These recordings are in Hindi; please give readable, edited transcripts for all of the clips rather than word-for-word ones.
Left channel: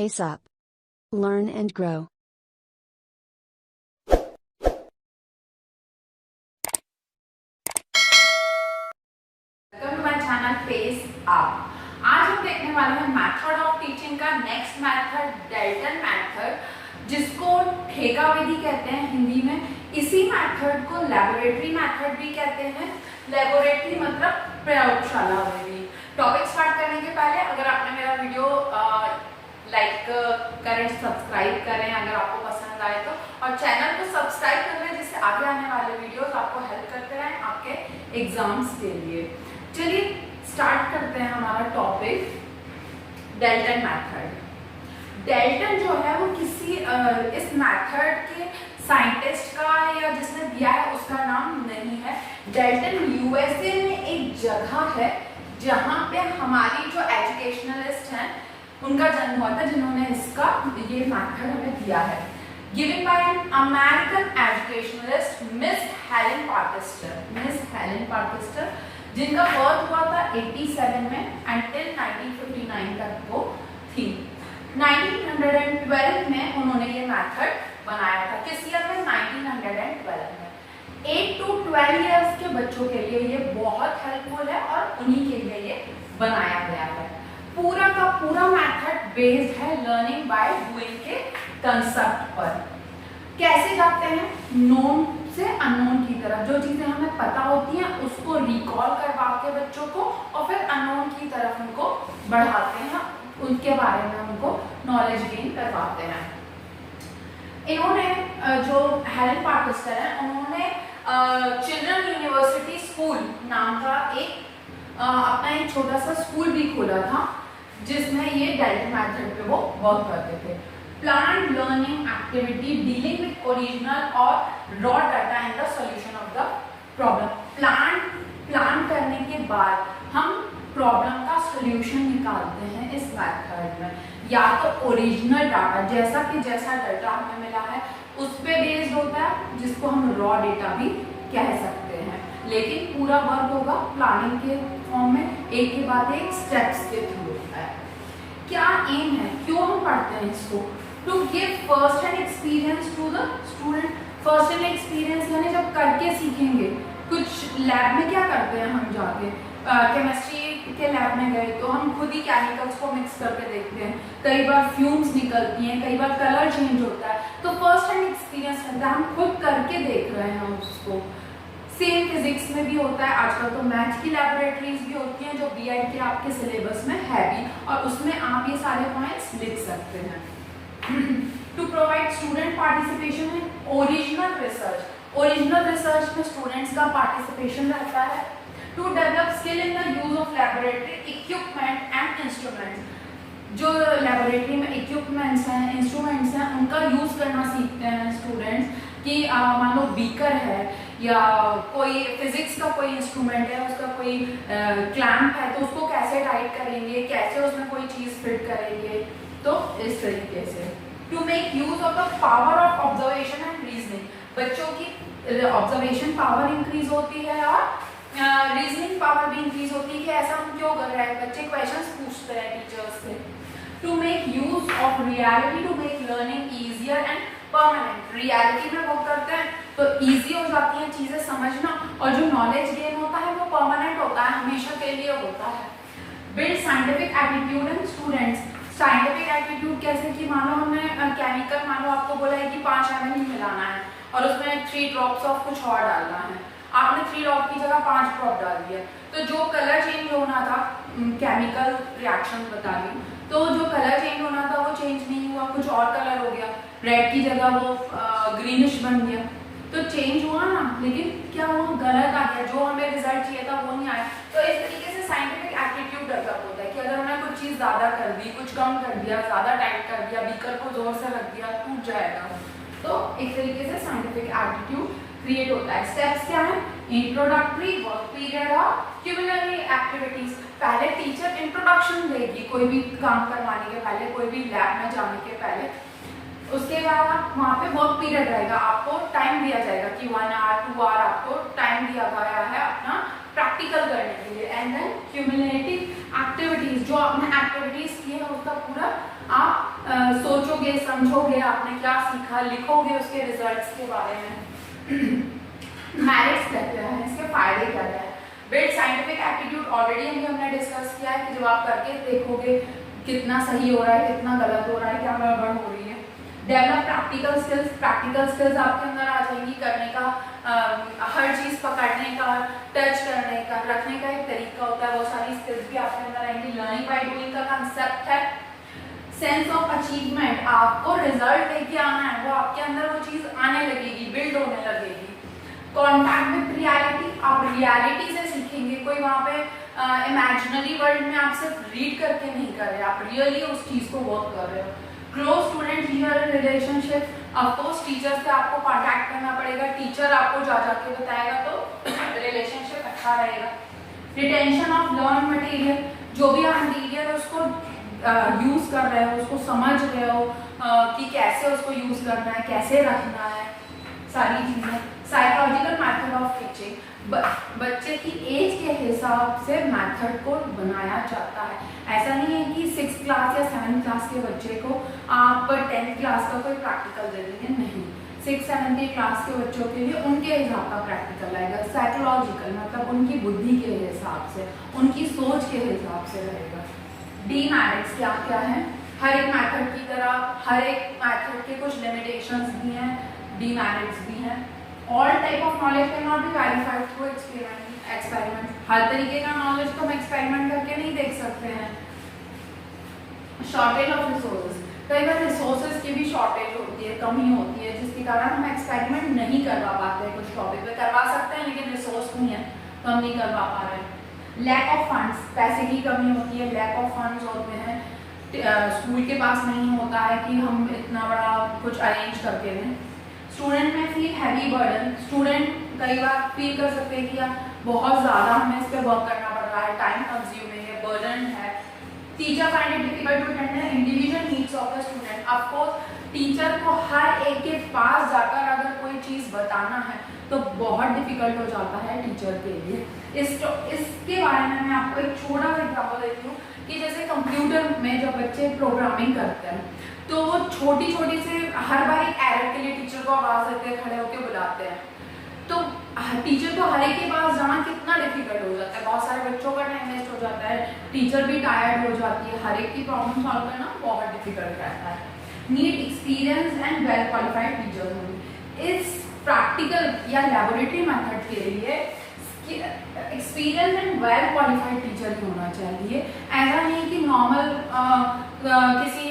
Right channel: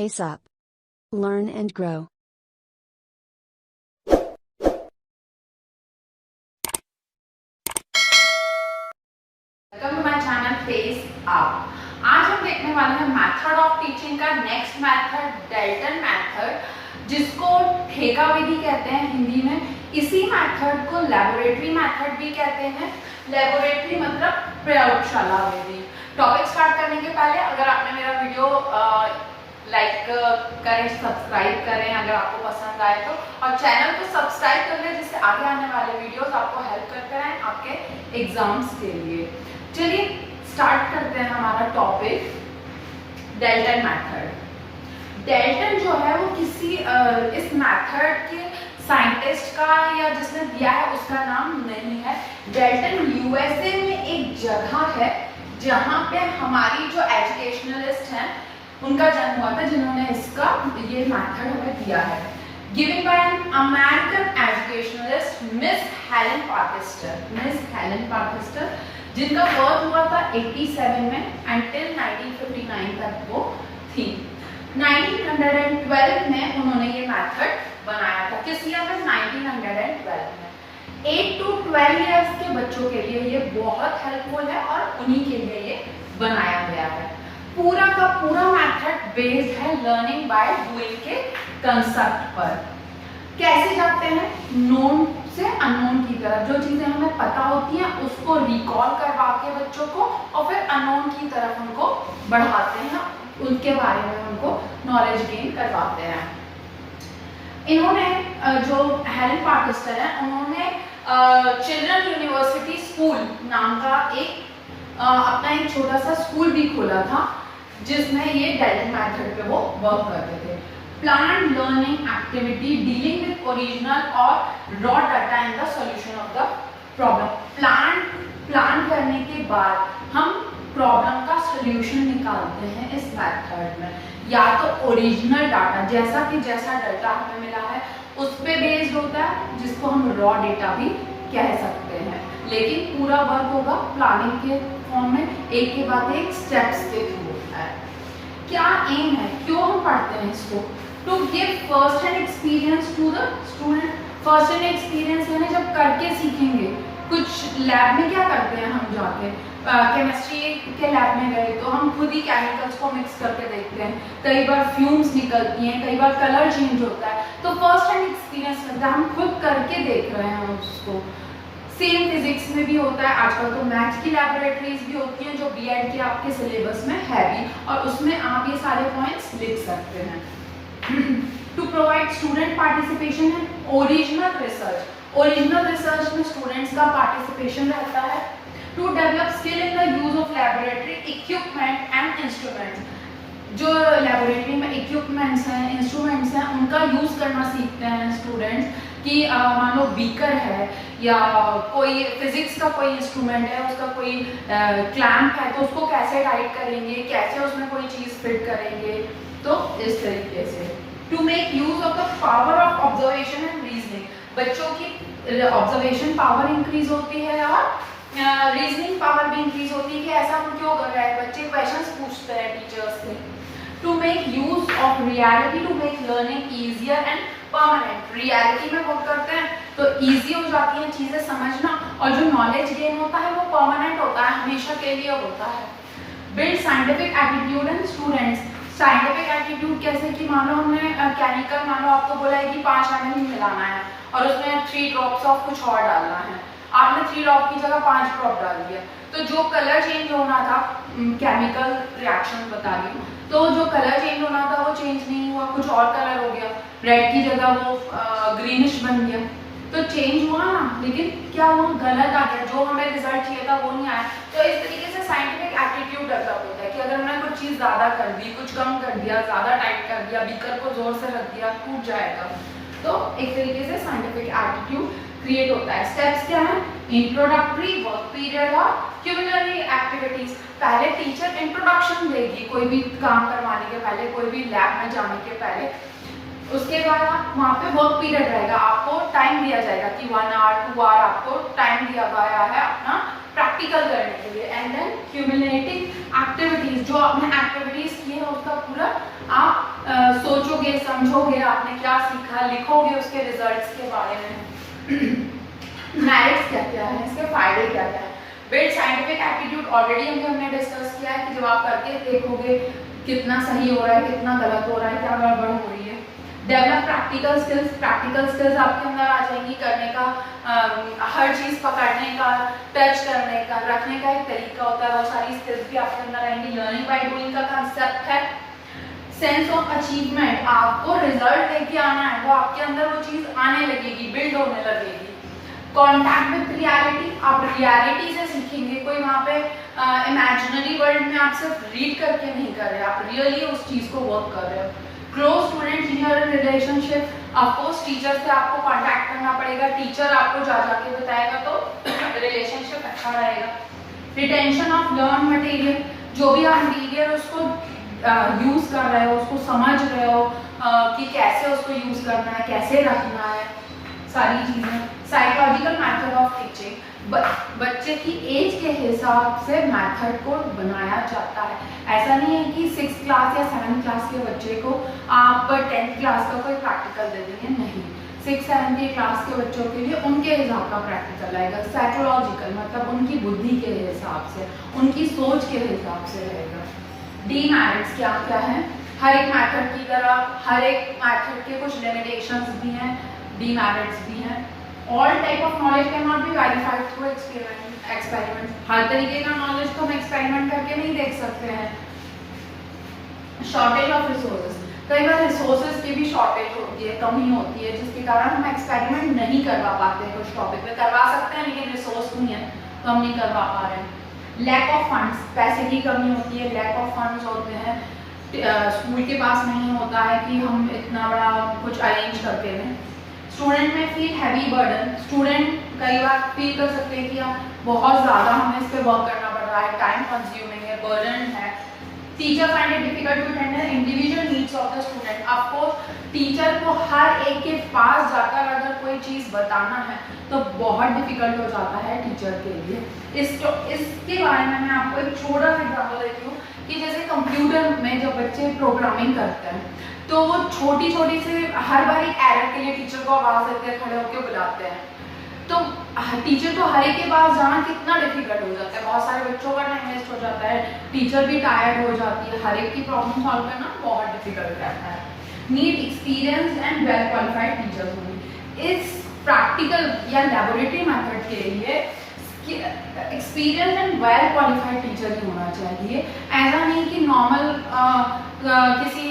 pace up. Learn and grow. Welcome to my channel pace up. आज हम देखने वाले हैं मेथड ऑफ टीचिंग का नेक्स्ट मेथड, डेल्टन मेथड, जिसको ठेका विधि कहते हैं हिंदी में। इसी मेथड को लेबोरेटरी मेथड भी कहते हैं। लेबोरेटरी मतलब प्रयोगशाला विधि। टॉपिक स्टार्ट करने के पहले अगर आपने मेरा वीडियो लाइक करें, सब्सक्राइब करें अगर आपको पसंद आए तो, और चैनल को सब्सक्राइब कर लें जिससे आगे आने वाले वीडियोस आपको हेल्प करते रहें आपके एग्जाम्स के लिए। चलिए स्टार्ट करते हैं हमारा टॉपिक, डेल्टन मेथड। डेल्टन जो है वो किसी इस मेथड के साइंटिस्ट का या जिसने दिया है उसका नाम नहीं है। डेल्टन यूएसए में एक जगह है जहाँ पे हमारी जो एजुकेशनलिस्ट हैं उनका जन्म हुआ था, जिन्होंने इसका ये मेथड हमें दिया है। Given by an American educationalist Miss Helen Parkhurst. Miss Helen Parkhurst जिनका बर्थ हुआ था 87 में एंड टिल 1959 तक वो थी। 1912 में उन्होंने ये मेथड बनाया था। किस ईयर में? 1912 में। 8 to 12 इयर्स के बच्चों के लिए ये बहुत हेल्पफुल है और उन्हीं के लिए ये बनाया गया है। पूरा का पूरा मेथड बेस्ड है लर्निंग बाय डूइंग के कंसेप्ट पर। कैसे जाते हैं? नोन से अननोन की तरफ। जो चीजें हमें पता होती हैं उसको रिकॉल करवा के बच्चों को, और फिर अननोन की तरफ उनको बढ़ाते हैं, उनके बारे में उनको नॉलेज गेन करवाते हैं। इन्होंने जो हेलेन पार्केस्टर है उन्होंने चिल्ड्रन यूनिवर्सिटी स्कूल नाम का अपना एक छोटा सा स्कूल भी खोला था, जिसमें ये डेल्टन मेथड पे वो वर्क करते थे। Planned learning activity dealing with original और raw data in the solution of the problem. Plan करने के बाद हम प्रॉब्लम का सॉल्यूशन निकालते हैं इस मेथड में। या तो ओरिजिनल डाटा, जैसा डाटा हमें मिला है उस पे बेस्ड होता है, जिसको हम रॉ डेटा भी कह सकते हैं, लेकिन पूरा वर्क होगा प्लानिंग के फॉर्म में, एक के बाद एक स्टेप्स के थ्रू होता है। क्या एम है, क्यों हम पढ़ते हैं इसको? To give first hand experience to the student. First hand experience यानी जब करके सीखेंगे। कुछ लैब में क्या करते हैं हम जाके, केमिस्ट्री के लैब में गए तो हम खुद ही केमिकल्स को मिक्स करके देखते हैं, कई बार फ्यूम्स निकलती हैं, कई बार कलर चेंज होता है, तो फर्स्ट हैंड एक्सपीरियंस होता है, हम खुद करके देख रहे हैं उसको। सेम फिजिक्स में भी होता है। आजकल तो मैथ्स की लैबोरेटरीज भी होती हैं जो बीएड के आपके सिलेबस में है भी, और उसमें आप ये सारे पॉइंट्स लिख सकते हैं। To provide student participation in original research. Original research में स्टूडेंट्स का पार्टिसिपेशन रहता है। To develop skill in the use of laboratory equipment and instruments. जो लैबोरेटरी में इक्विपमेंट्स हैं, इंस्ट्रूमेंट्स हैं, उनका यूज करना सीखते हैं स्टूडेंट्स। कि मान लो बीकर है या कोई फिजिक्स का कोई इंस्ट्रूमेंट है, उसका कोई क्लैंप है, तो उसको कैसे टाइट करेंगे, कैसे उसमें कोई चीज़ फिट करेंगे, तो इस तरीके से। To make use of the power of observation and reasoning. बच्चों की ऑब्जर्वेशन पावर इंक्रीज होती है और रीजनिंग पावर भी इंक्रीज होती है कि ऐसा हम क्यों कर रहे हैं। बच्चे क्वेश्चंस पूछते हैं टीचर्स से। To make use of reality to make learning easier and permanent. Reality में वर्क करते हैं तो इजी हो जाती हैं चीजें समझना, और जो नॉलेज गेन होता है वो परमानेंट होता है, हमेशा के लिए होता है। Build scientific attitude in students. Scientific attitude कैसे कि मान लो हमने केमिकल, मान लो आपको बोला है कि 5 ml ही मिलाना है और उसमें 3 ड्रॉप्स ऑफ कुछ और डालना है, आपने 3 ड्रॉप की जगह 5 ड्रॉप डाल दिया, तो जो कलर चेंज होना था, केमिकल रिएक्शन बता रही हूँ, तो जो कलर चेंज होना था वो चेंज नहीं हुआ, कुछ और कलर हो गया, रेड की जगह वो ग्रीनिश बन गया, तो चेंज हुआ ना, लेकिन क्या हुआ, गलत आ गया, जो हमें रिजल्ट चाहिए था वो नहीं आया। तो इस तरीके से साइंटिफिक एटीट्यूड डेवलप होता है कि अगर हमने कुछ चीज़ ज़्यादा कर दी, कुछ कम कर दिया, ज़्यादा टाइट कर दिया, बीकर को जोर से रख दिया, टूट जाएगा। तो एक तरीके से साइंटिफिक एटीट्यूड क्रिएट होता है। स्टेप्स क्या है? इंट्रोडक्टरी, वर्क पीरियड और क्यूमुलेटरी एक्टिविटीज। पहले टीचर इंट्रोडक्शन देगी कोई भी काम करवाने के पहले, कोई भी लैब में जाने के पहले। उसके बाद आप वहाँ पे वर्क पीरियड रहेगा, आपको टाइम दिया जाएगा कि 1 hour 2 hour आपको टाइम दिया गया है अपना प्रैक्टिकल करने के लिए। एंड देन क्यूमुलेटिव एक्टिविटीज, जो आपने एक्टिविटीज की है उसका पूरा आप सोचोगे, समझोगे आपने क्या सीखा, लिखोगे उसके रिजल्ट्स के बारे में, मेरिट्स क्या क्या है, इसके फायदे क्या क्या है। बिल्ड साइंटिफिक एप्टीट्यूड ऑलरेडी हमने डिस्कस किया है कि जब आप करके देखोगे कितना सही हो रहा है, कितना गलत हो रहा है, क्या गड़बड़ हो रही है। डेवलप प्रैक्टिकल स्किल्स आपके अंदर आ जाएंगी, करने का हर चीज़ पकड़ने का, टच करने का, रखने का एक तरीका होता है, वो सारी स्किल्स भी आपके अंदर आएंगी। लर्निंग बाय डूइंग का कंसेप्ट है। सेंस ऑफ अचीवमेंट, आपको रिजल्ट लेके आना है, वो आपके अंदर वो चीज़ आने लगेगी, बिल्ड होने लगेगी। कॉन्टैक्ट विद रियलिटी, आप रियलिटी से सीखेंगे, कोई वहाँ पे इमेजिनरी वर्ल्ड में आप सिर्फ रीड करके नहीं कर रहे, आप रियली उस चीज़ को वर्क कर रहे हो। Close student teacher relationship, of course teacher से आपको कांटेक्ट करना पड़ेगा, टीचर आपको जा जाके बताएगा तो रिलेशनशिप अच्छा रहेगा। रिटेंशन ऑफ लर्न मटेरियल, जो भी आप मटेरियल उसको यूज़ कर रहे हो, उसको समझ रहे हो कि कैसे उसको यूज़ करना है, कैसे रखना है, सारी चीज़ें। साइकोलॉजिकल मैथड ऑफ टीचिंग, बच्चे की एज के हिसाब से मैथड को बनाया जाता है। ऐसा नहीं है कि 6th क्लास या 7th क्लास के बच्चे को आप 10th क्लास का कोई प्रैक्टिकल दे देंगे, नहीं। 6th 7th क्लास के बच्चों के लिए उनके हिसाब का प्रैक्टिकल आएगा। साइकोलॉजिकल मतलब उनकी बुद्धि के हिसाब से, उनकी सोच के हिसाब से रहेगा। डीमेरिट्स क्या क्या है, हर एक मैथड की तरह हर एक मैथड के कुछ लिमिटेशंस भी हैं, डीमेरिट्स भी हैं। All type of knowledge can not be verified through experiment, हर तरीके का नॉलेज तो हम एक्सपेरिमेंट करके नहीं देख सकते हैं। शॉर्टेज ऑफ रिसोर्सेज, कई बार रिसोर्सेज की भी शॉर्टेज होती है, कमी होती है, जिसके कारण हम एक्सपेरिमेंट नहीं करवा पाते हैं। कुछ टॉपिक पे करवा सकते हैं लेकिन रिसोर्स नहीं है तो हम नहीं करवा पा रहे हैं। लैक ऑफ फंड्स, पैसे की कमी होती है, लैक ऑफ फंड्स होते हैं, स्कूल के पास नहीं होता है कि हम इतना बड़ा कुछ अरेंज करके दें। स्टूडेंट में फील हैवी बर्डन, स्टूडेंट कई बार फील कर सकते हैं कि यार बहुत ज़्यादा हमें इस पर वर्क करना पड़ रहा है, टाइम कंज्यूमिंग है, बर्डन है। Teacher find it difficult to attend individual needs of the student, of course teacher को हर एक के पास जाकर अगर कोई चीज़ बताना है तो बहुत डिफिकल्ट हो जाता है टीचर के लिए। इसके बारे में मैं आपको एक छोटा सा एग्जाम्पल देती हूँ कि जैसे कंप्यूटर में जब बच्चे प्रोग्रामिंग करते हैं तो वो छोटी छोटी से हर बार एक एरर के लिए टीचर को आवाज़ देते हैं, खड़े होकर बुलाते हैं, तो टीचर को हर एक के पास जाना कितना डिफिकल्ट हो जाता है, बहुत सारे बच्चों का टाइम वेस्ट हो जाता है, टीचर भी टायर्ड हो जाती है, हर एक की प्रॉब्लम सॉल्व करना बहुत डिफिकल्ट रहता है। Need experience and well qualified teachers होंगे। इस प्रैक्टिकल या लेबोरेटरी मेथड के लिए experience and well qualified teacher ही होना चाहिए। ऐसा नहीं कि नॉर्मल किसी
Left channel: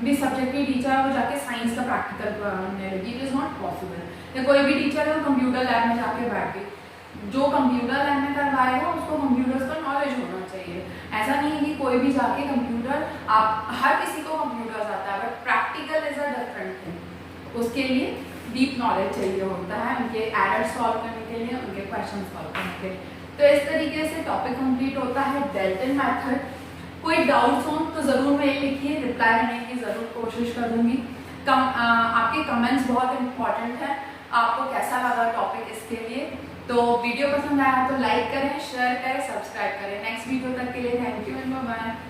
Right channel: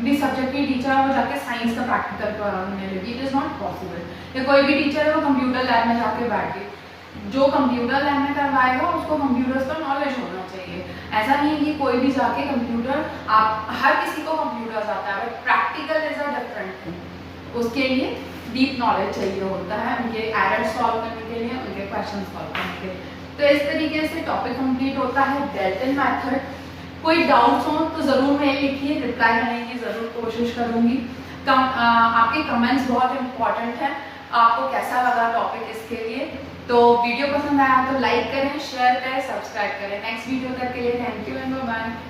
भी सब्जेक्ट की टीचर है वो जाके साइंस का प्रैक्टिकल करने लगी, इट इज़ नॉट पॉसिबल। या कोई भी टीचर है वो कंप्यूटर लैब में जाके बैठ के जो कंप्यूटर लैब में करवाएगा उसको कंप्यूटर्स का नॉलेज होना चाहिए। ऐसा नहीं है कि कोई भी जाके कंप्यूटर, आप हर किसी को कंप्यूटर्स आता है but practical is a different thing, उसके लिए डीप नॉलेज चाहिए होता है, उनके एरर सॉल्व करने के लिए, उनके क्वेश्चन सॉल्व करने के लिए। तो इस तरीके से टॉपिक कंप्लीट होता है डेल्टन मेथड। कोई डाउट्स हो तो ज़रूर मेल लिखिए, रिप्लाई करने की ज़रूर कोशिश करूँगी। आपके कमेंट्स बहुत इंपॉर्टेंट हैं, आपको कैसा लगा टॉपिक इसके लिए। तो वीडियो पसंद आया तो लाइक करें, शेयर करें, सब्सक्राइब करें। नेक्स्ट वीडियो तक के लिए thank you and bye bye.